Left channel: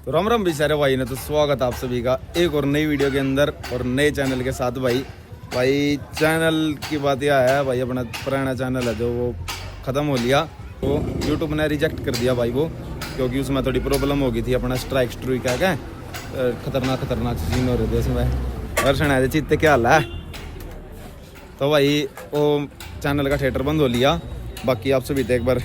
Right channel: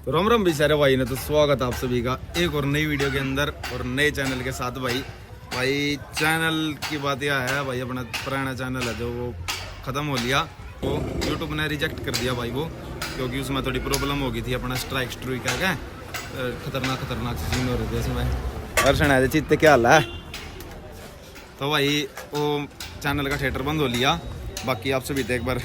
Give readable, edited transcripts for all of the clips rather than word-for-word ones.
तो राम राम भी सारे भाई ने। तो स्वागत आप सभी का एक और नई वीडियो के अंदर और नए चैनल के साथ। भाई चैनल की बात यह है भाई, अपना पुराना चैनल है जो वो ख़त्म हो लिया, वो यूट्यूब ने रिजेक्ट कर दिया भाई वो, क्योंकि उसमें थोड़ी प्रॉब्लम हो गई थी। अपना स्ट्राइक क्या खतरनाक सीन हो रहे थे उसमें। दर्शन आए थे चित्ते क्या हाल है। तो भाई वो चैनल का थिएटर बंद हो लिया। बाकी आप सभी एक बार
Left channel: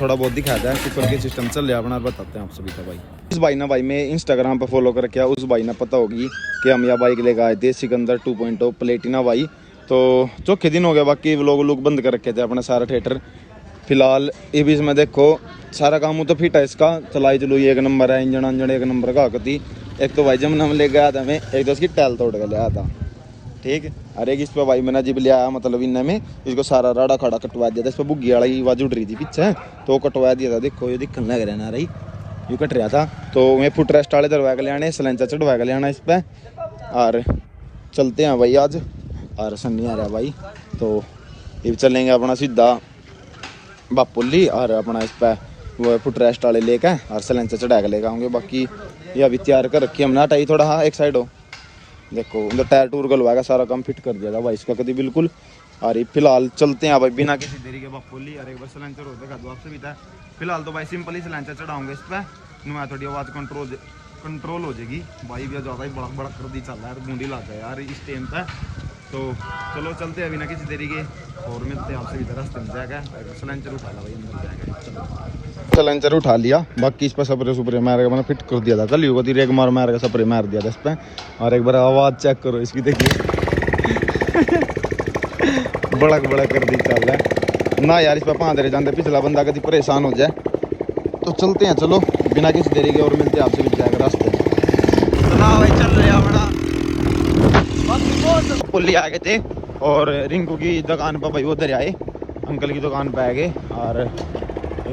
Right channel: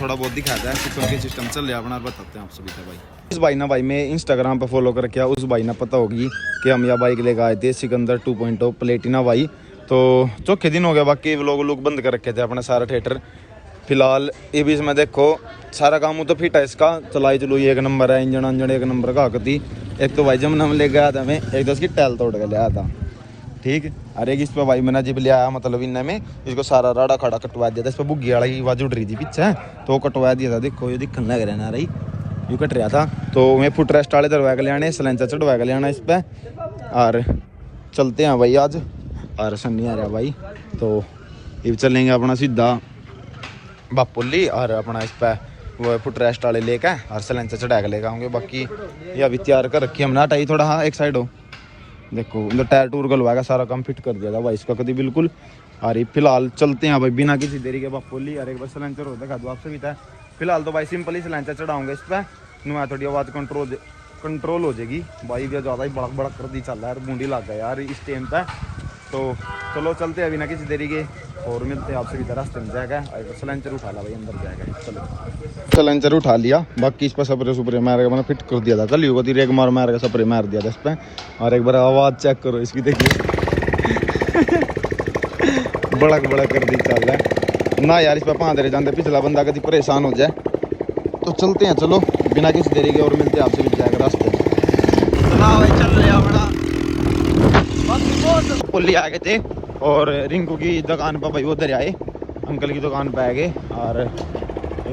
थोड़ा बहुत दिखाता है कुकर के सिस्टम चल रहा है अपना, बताते हैं आप सभी का। भाई उस भाई ना भाई मैं इंस्टाग्राम पे फॉलो कर किया, उस भाई ना पता होगी कि हम यह बाइक लेकर आए थे सिकंदर 2.0 प्लेटिना भाई। तो चौथे दिन हो गया, बाकी लोग बंद कर रखे थे अपना सारा थिएटर। फिलहाल ये बीच में देखो सारा काम तो फिट है इसका, चलाई चलुई एक नंबर है, इंजन अंजन एक नंबर का आती। एक तो भाई जमुना में लेके आया था मैं, एक तो उसकी टैल तोड़ के ले आया था, ठीक। अरे इस पे भाई मैंने जिब ले आया, मतलब इनने में इसको सारा राड़ा खाड़ा कटवा दिया था। इस पर बुग्गी वाली आवाज उड़ रही थी पीछे, तो कटवा दिया था। देखो ये दिखने लग रहा रही यूँ कट रहा था। तो मैं फुट रेस्ट वाले दरवा के ले आने, सलेंसर चढ़वा के ले आना इस पर। और चलते हैं भाई आज, और सन्नी आ रहा भाई। तो ये चलेंगे अपना सीधा बापुली, और अपना इस पर वो फुट रेस्ट वाले लेकर और सलेंसर चढ़ा के लेकर आऊँगे। बाकी ये अभी तैयार कर रखी हमने, हटाई थोड़ा, हाँ एक साइड हो। देखो उधर टायर टूर गलवाएगा, सारा काम फिट कर दिया था भाई इसका कभी बिल्कुल। और फिलहाल चलते हैं भाई बिना किसी देरी के बापोली। और एक बार सलेंसर होता है आपसे भी था। फिलहाल तो भाई सिंपल ही सलेंसर चढ़ाऊंगा इस पर, नुआ थोड़ी आवाज़ कंट्रोल हो जाएगी। भाई भी ज़्यादा ही बड़क बड़क कर दी चल रहा है, बूंदी लग गया यार इस टाइम पे। तो चलो चलते हैं बिना किसी देरी के, और मिलते हैं आपसे भी रास्ते में जाएगा। एक बार सलेंसर उठा ला भाई, अंदर जाएगा। चलो सलेंसर उठा लिया, बाकी इस पर स्प्रे सुप्रे मार के मैंने फिट कर दिया था कल, युवा रेग मार के स्प्रे मार दिया था इस पर। और एक बार आवाज़ चेक करो इसकी, देखिए बड़क बड़क कर दी चल रहा है ना यार। इस पर पाँच जाते पिछला बंदा कभी परेशान हो जाए। तो चलते हैं चलो बिना किसी देरी के, और मिलते हैं आपसे भी जाएगा रास्ते में। पुली आ गए थे और रिंकू की दुकान पर भाई उधर आए, अंकल की दुकान पर आ गए। और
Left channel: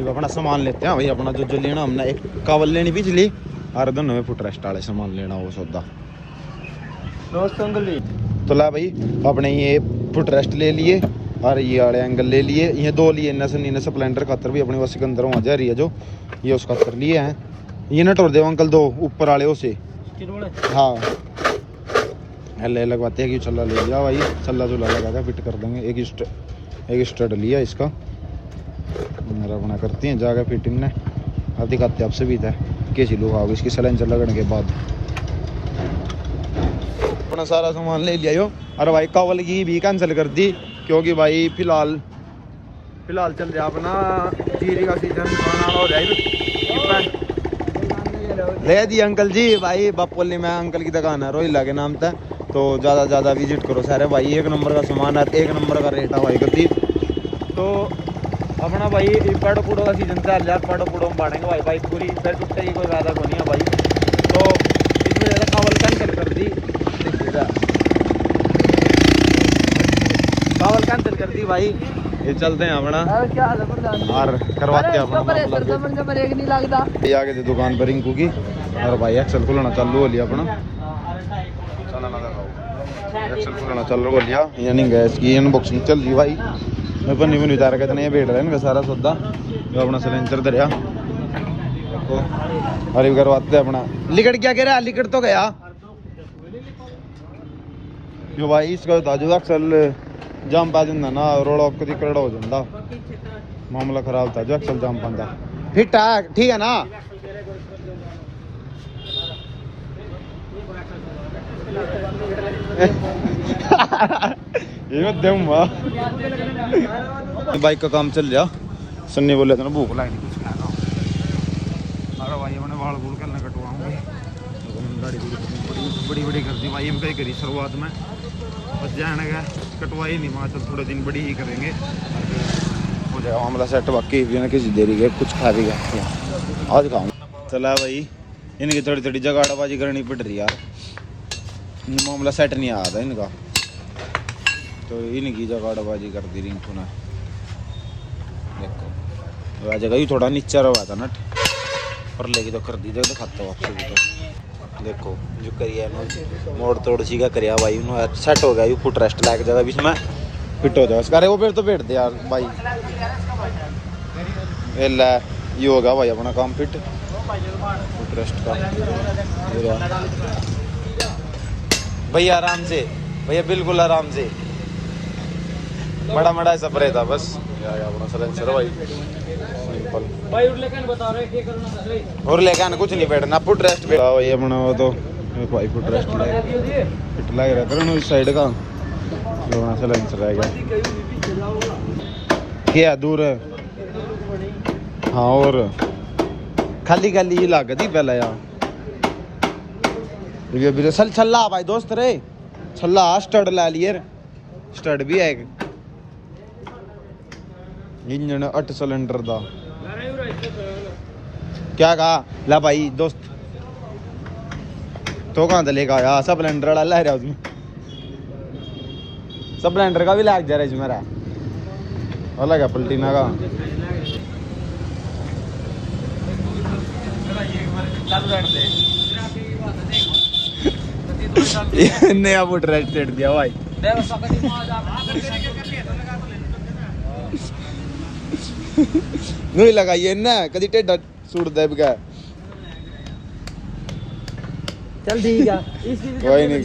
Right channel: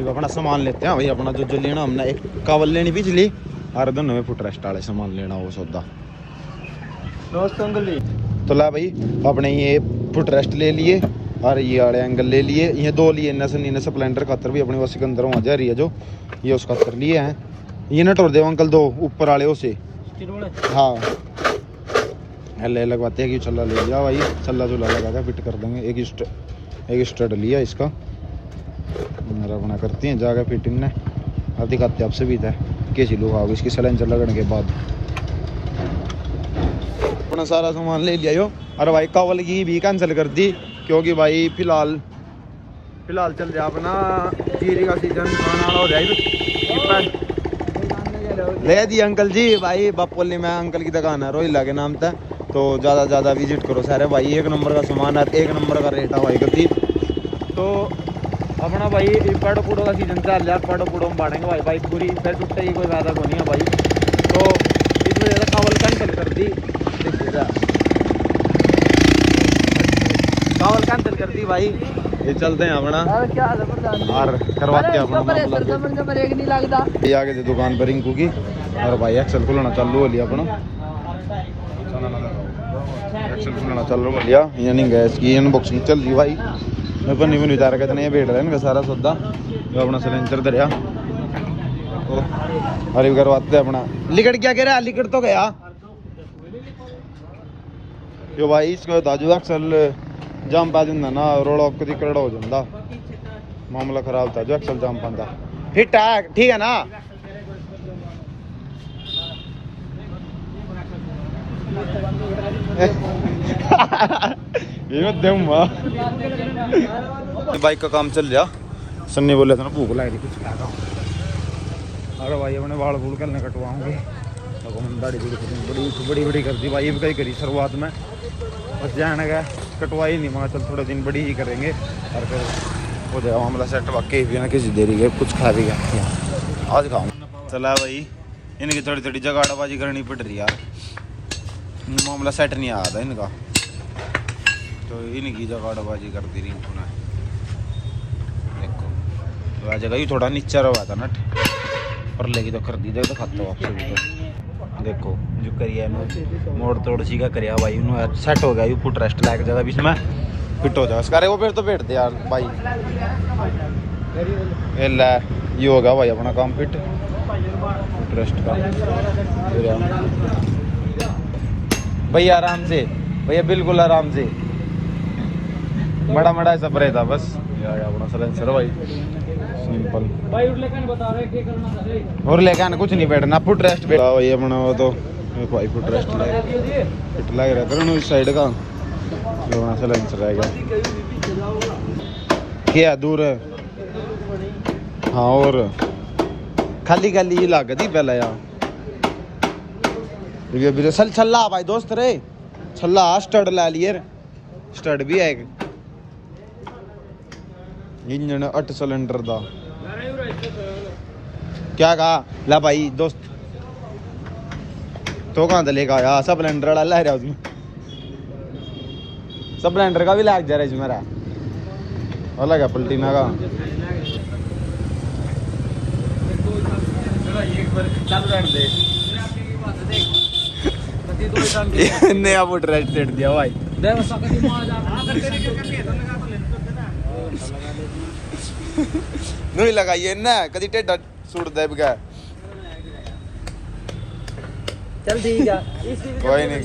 अपना सामान लेते हैं भाई, अपना जो लेना हमने, एक कावल लेनी बिजली और दोनों में फुट रेस्ट वाले सामान लेना वो सौदा। तो ला भाई अपने ये फुट रेस्ट ले लिए और ये वाले एंगल ले लिए, ये दो लिए ने स्प्लेंडर खातर भी अपने वैसे अंदर वहाँ जा रही है जो, ये उसका खातर लिए हैं। ये न तोड़ दे अंकल दो ऊपर वाले उसे, हाँ हल्ले लगवाते हैं कि छल्ला ले लिया भाई, छल्ला चुल्ला लगा कर फिट कर देंगे। एक स्टड लिया इसका, मेरा अपना करती हैं जाकर फिट इनने, और दिखाते आपसे भी था कैसी लोग आओगे इसकी सलेंसर लगने के बाद। सारा सामान ले लिया यो, और भाई कावल की भी कैंसिल कर दी, क्योंकि भाई फिलहाल चल रहा अपना जीरी का सीजन, हो जाएगा। ले दी अंकल जी भाई बापोली में, अंकल की दुकान है रोहिला के नाम था। तो ज़्यादा विजिट करो सारे भाई, एक नंबर का सामान है, एक नंबर का रेट है भाई कभी। तो अपना भाई पेड़ पुड़ों का सीजन चल रहा है, पेड़ पुड़ों में बाढ़ेंगे भाई पूरी पैर टूटते ही कोई ज़्यादा नहीं है भाई। तो इस वजह से कावल कैंसिल कर दी, कावल कैंसिल कर दी भाई। ये चलते हैं अपना और करवाते हैं दुकान पर रिंकू की। और भाई एक्सल खुलना चालू हो लिया अपना, चालू हो लिया। ये नहीं गैस की अनबॉक्सिंग चल रही भाई, मैं बनी बनी उतार के नहीं बैठ रहा है सारा सौदा जो अपना सिलेंडर दरिया। अरे करवाते अपना लिकड़ क्या कह रहा है, लिकड़ तो गया जो भाई इसका ताजू अक्सल जाम पा जाता ना, रोड़ा कभी करड़ा हो जाता, मामला खराब था जो अक्सल जाम पाता। फिट है ठीक है ना। बाइक का काम चल रहा, सन्नी बोले थे ना भूख लग रही कुछ खाएगा। अरे भाई अपने बाल बूल करने कटवाऊंगे, तो दाढ़ी दूढ़ी बड़ी कर दी भाई, कहीं करी शुरुआत में, बस जाने का कटवाई नहीं, वहाँ चल थोड़े दिन बड़ी ही करेंगे और फिर हो जाएगा मामला सेट। बाकी बिना किसी देरी के कुछ खा भी गए आज खाऊँ चला भाई, इनकी थोड़ी जगाड़बाजी करनी पड़ रही यार, मामला सेट नहीं आ रहा इनका। तो इनकी जगाड़बाजी कर दी रिंकू ने, देखो आ जगह ही थोड़ा नीचा रहा था नट पर लेगी तो कर दी जाए तो खाते हो। देखो जो करिए मोड़ तोड़ सी का करिया भाई, सेट हो गया फुट रेस्ट लायक जगह बीच में फिट हो जाए उसका। वो फिर तो बैठ दे यार भाई, ये हो गया भाई अपना काम फिट। ट्रस्ट का। भैया आराम से, भैया बिल्कुल आराम से, बड़ा ऐसा परे था बस यार अपना सलेंसर भाई सिंपल भाई। और लेकिन बता रहे क्या करना है, और लेकिन कुछ नहीं बैठना, फुट रेस्ट पे ये बनाओ तो भाई फुट रेस्ट फिट लग रहा था उस साइड का अपना सलेंसर रह गया क्या दूर है। हाँ और खाली खाली लग थी पहले यार ये छल्ला भाई दोस्त रे, छल्ला स्टड ला लिए, स्टड भी है इंजन 8 सिलेंडर दा। क्या कहा ला भाई दोस्त तो कहां से लेकर आया, स्प्लेंडर वाला ला रहा उसमें, स्प्लेंडर का भी लाग जा रहा है मेरा अलग है पलटीना का। नया फुट रेस्ट सेट दिया भाई नहीं लगाइए ना कभी टेढ़ा सूट दे बगैर। चल ठीक है कोई नहीं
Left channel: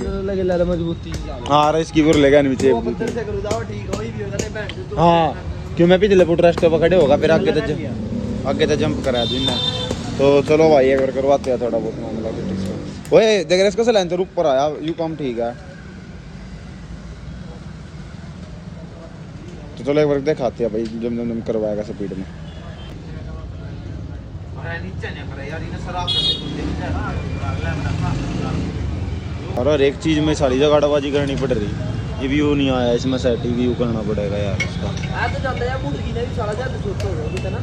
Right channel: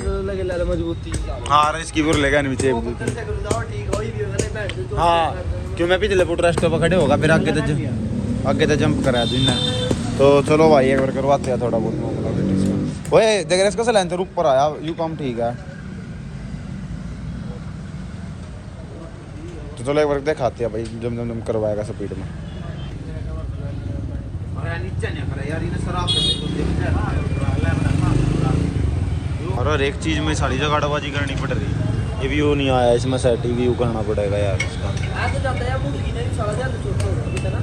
हाँ इसकी बुर लेगा नीचे। हाँ क्यों मैं पिछले फुट रेस्ट पे खड़े होगा फिर आगे तो जंप करा दूँ तो चलो भाई एक बार करवाते हैं थोड़ा बहुत ओए देख रहे इसका सिलेंडर ऊपर आया यू कम ठीक है तो चलो एक बार दिखाते हैं भाई जम जम करवाएगा स्पीड में। और एक चीज में सारी जगह गाड़ाबाजी करनी पड़ रही, व्यू नहीं आया इसमें सेट व्यू करना पड़ेगा यार इसका।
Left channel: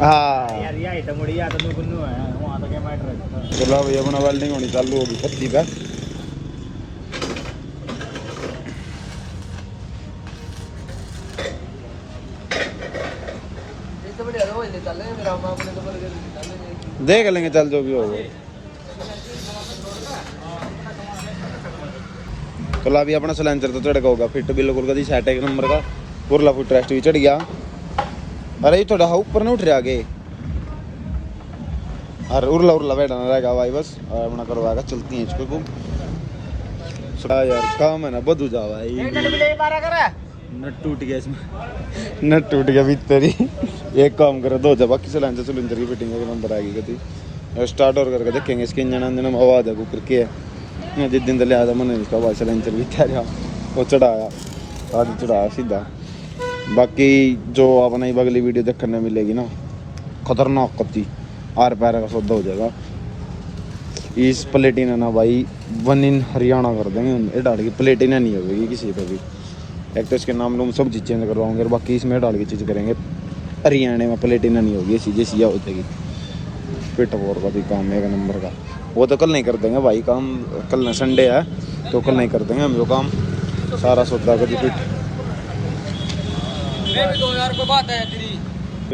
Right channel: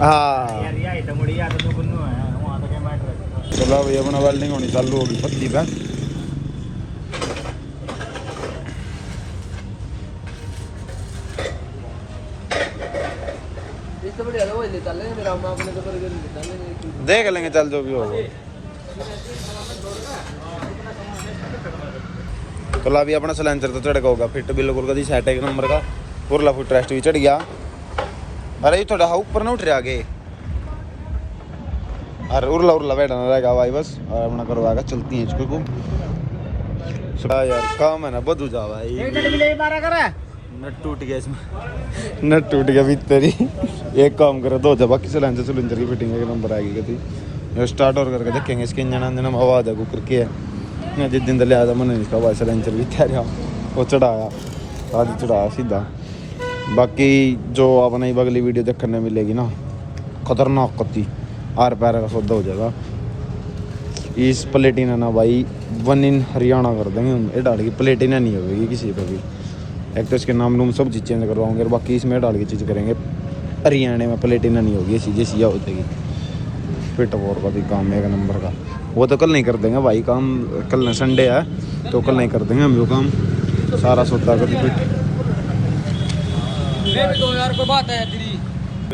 हाँ वेल्डिंग होनी चालू होगी पत्ती पे। देख लेंगे चल जो भी होगा। तो अभी अपना सिलेंडर तो चढ़ होगा फिट बिल्कुल कभी सेट एक नंबर का उरला फुट रेस्ट भी चढ़ गया। अरे ये थोड़ा ऊपर ना उठ रहा आगे और उरला बैठा रहेगा भाई बस अपना करवाएगा चलती है इसको यार काम है ना बदू जाओ भाई। नट टूट गया इसमें नट टूट गया भीतर ही एक काम करो दो जब बाकी सिलेंडर की फिटिंग एक नंबर आएगी कभी स्टार्ट और करके देखेंगे इसकी इंजन में आवाज है करके जिस दिन लिया था मैंने इसका भाई सिलेंडर भी कह रहा वो चढ़ाया आज चढ़ाया सीधा। बाकी जो अपना ही अगली वीडियो देखने मिलेगी ना खतरनाक कत्ती आर पैर का सौदा हो जाएगा। इस प्लेटिना ना भाई वन इन हरियाणा कर देंगे ये डाल के प्लेटिना नहीं होगी किसी पे भी। एक तो इसके नाम रूम सब चीज़ चेंज करवाएंगे और बाकी इसमें डाल के चीज़ करेंगे हरियाणा में प्लेटिना नहीं होगी सीधे सीधा हो जाएगी। फिट वोर का भी काम है एक नंबर का वो तो कल नहीं कर देंगे भाई काम कल संडे है तो कल नहीं कर देंगे हम लोग काम सारा सौदा कभी फिट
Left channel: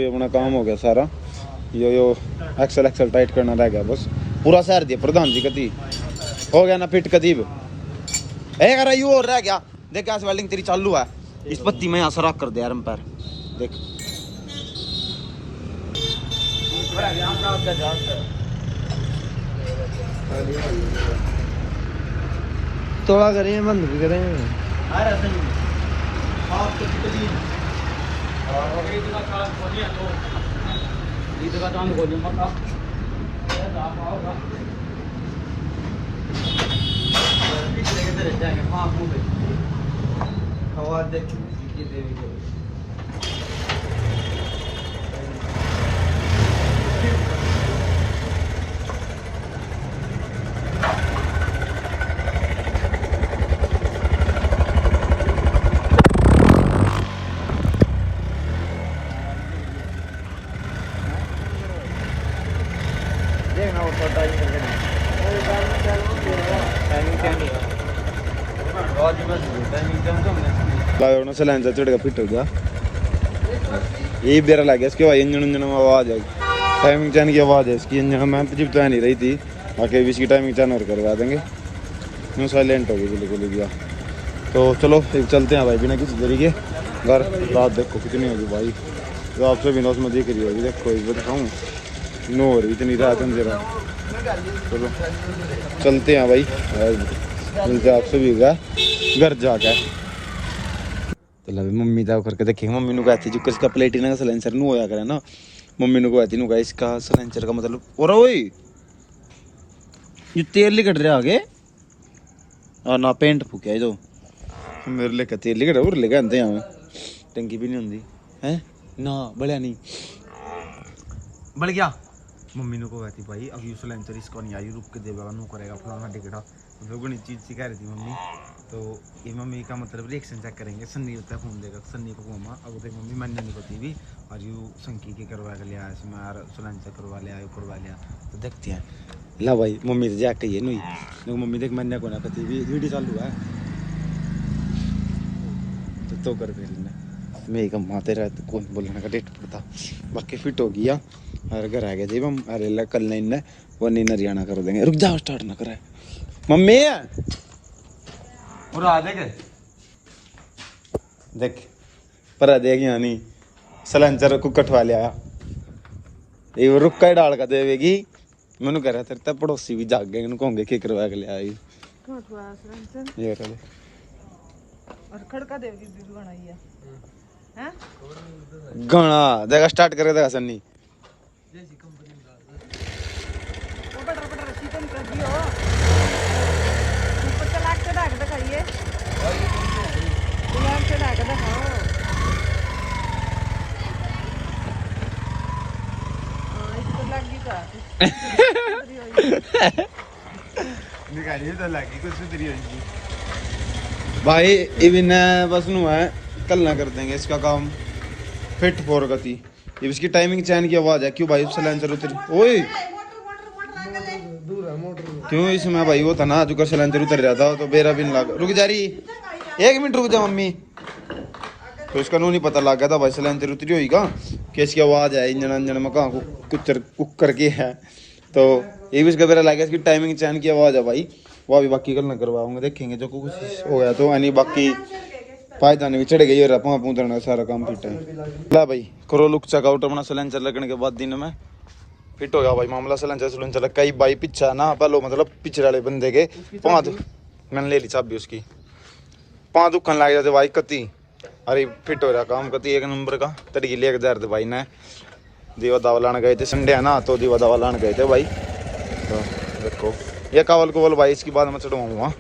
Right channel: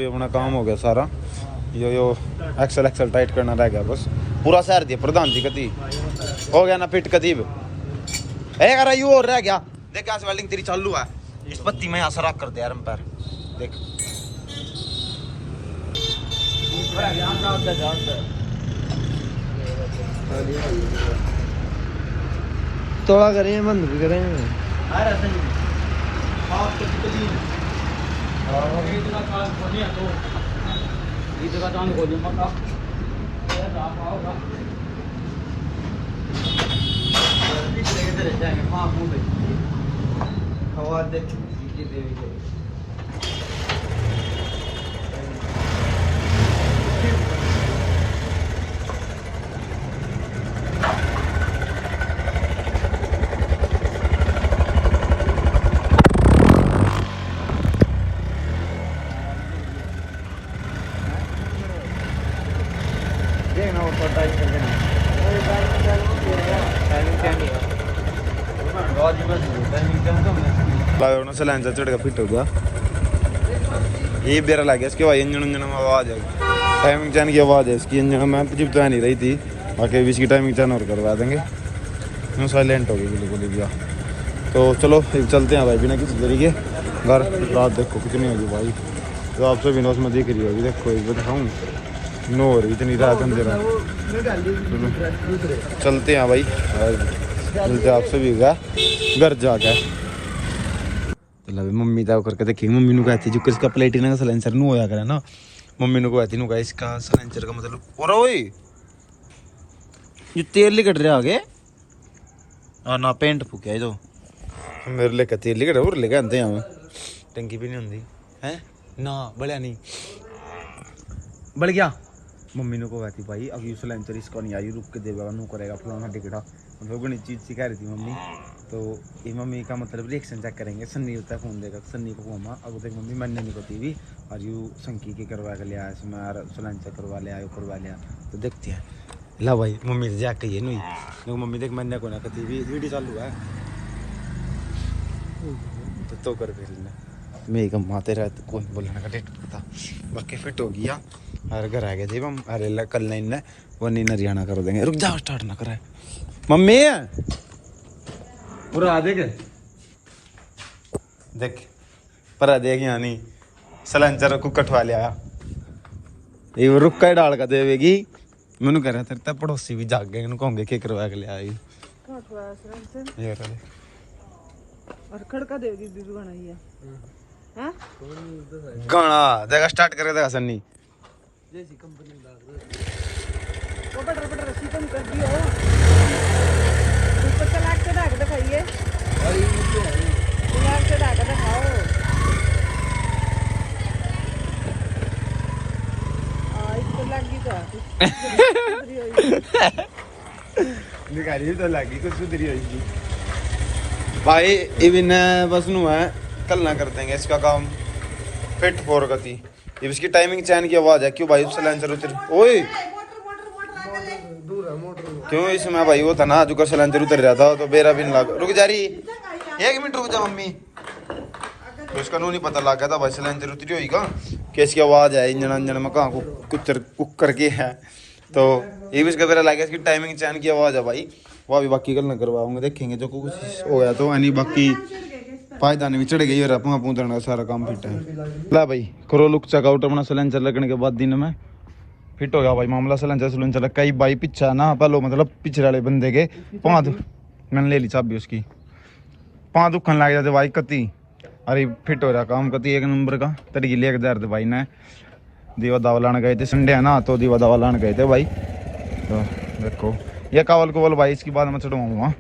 अपना काम हो गया सारा। यो एक्सल टाइट करना रह गया बस पूरा शहर दिया प्रधान जी कदी हो गया ना फिट कदी यू और रह गया। देख आज वेल्डिंग तेरी चालू है इस पत्ती में यहाँ सराख कर दे यार पैर देख थोड़ा करें बंद भी करें सिलेंडर चढ़ गया फिट होगा यही बेरा लग गया इसके बाद इंजन में आवाज है टाइमिंग चैन की आवाज है इसकी इंजन में जब तो नहीं रही थी आके इसकी टाइमिंग चैन और करवा देंगे यूँ साइलेंट हो गई बिल्कुल भैया। चलो चलते हैं भाई बिना कुछ करेंगे घर रात देखो कितनी होगी भाई जो आपसे बिना उसमें दिख रही होगी देखो एक बार दिखाऊँ नो हो रही इतनी रात अंधे में। चलो चलते हैं भाई, चलते आप सभी का घर जाके। चलो मम्मी दा करके देखेंगे। मम्मी नु कहती जो किसका प्लेटिना का सिलेंसर नु होया करे ना, मम्मी नु कहती नु का इसका सिलेंसर का मतलब और ओए ये तेल लिकट रहा आगे और ना पेंट फूकिया जो मेरे लेके तेल लिकट और लेके आते हैं टंकी भी नहीं होंगी हैं ना बढ़िया नहीं बढ़ गया। मम्मी ने को कहती भाई अभी सिलेंसर इसको नहीं आई रुक के देगा नु करेगा फलाना टिकटा मतलब गणित चीज सिखा रही थी मम्मी। तो ये मम्मी का मतलब रिएक्शन चेक करेंगे। सन्नी होता है फोन देगा सन्नी को मम्मा अब देख मम्मी मन नहीं होती भी और यू संकी के करवा के लिया इसमें यार सिलेंसर करवा लिया यू करवा लिया। तो देखते हैं ना भाई मम्मी से जाके ये नहीं मम्मी देख मन को वीडियो चालू है तो कर बेगम आते रहते कोई बोलने का डेट बता बाकी फिट हो गया और घर आ गया जी हम अरे कल नहीं वो नहीं हरियाणा कर देंगे। रुक जाओ स्टार्ट ना करे मम्मी पूरा आ देख देख पर देख यहाँ नहीं सिलेंसर को कटवा लिया ये रुक्का ही डाल कर देवेगी। मैंने कह रहा तेरे तब पड़ोसी भी जाग गए उनको होंगे की करवा के ले आई ये कर और खड़का देगी दीदी बनाई है हैं गाना जगह स्टार्ट करे देगा सन्नी जैसी कंपनी लाग वो बटर बटर रस्सी तो निकल दी हो ऊपर चला के ढाक दिखाइए निकाली तो लगी कुछ सुधरी होगी भाई इवन बस है कल ना कर देंगे इसका काम फिट फॉर गति। ये इसकी टाइमिंग चैन की आवाज है क्यों भाई सिलेंसर उतर ओए दूर है मोटर क्यों इसमें भाई वो था ना जो कर सिलेंसर उतर जाता तो मेरा भी लग रुक जा रही 1 मिनट रुक जा मम्मी। तो इसका नू नहीं पता लग गया था भाई सिलेंसर उतरी हुई का कि इसकी आवाज है इंजन अंजन में कहाँ कुक करके है। तो ये भी इसका तरह लगा इसकी टाइमिंग चैन की आवाज है भाई वो भी बाकी कल करवा हम देखेंगे जो कुछ हो गया तो यानी बाकी पायदाने भी चढ़ गई और अपना पूछना सारा काम फिट है। ला भाई करो लुक चेकआउट अपना सिलेंसर लगने के बाद दिन में फिट हो गया भाई मामला सिलेंसर कई भाई पीछा ना पहलो मतलब पिछले वाले बंदे के पाँच मैंने ले ली चाबी उसकी पाँच दुखन लग जाते भाई कति अरे फिट हो रहा काम कति 1 नंबर का तड़की ले के भाई ने दीवा दावा लाने गए थे संडे है ना तो दीवा दावा लाने गए थे भाई। तो देखो ये कावल को बोल भाई इसकी बाद मैं चढ़वाऊंगा।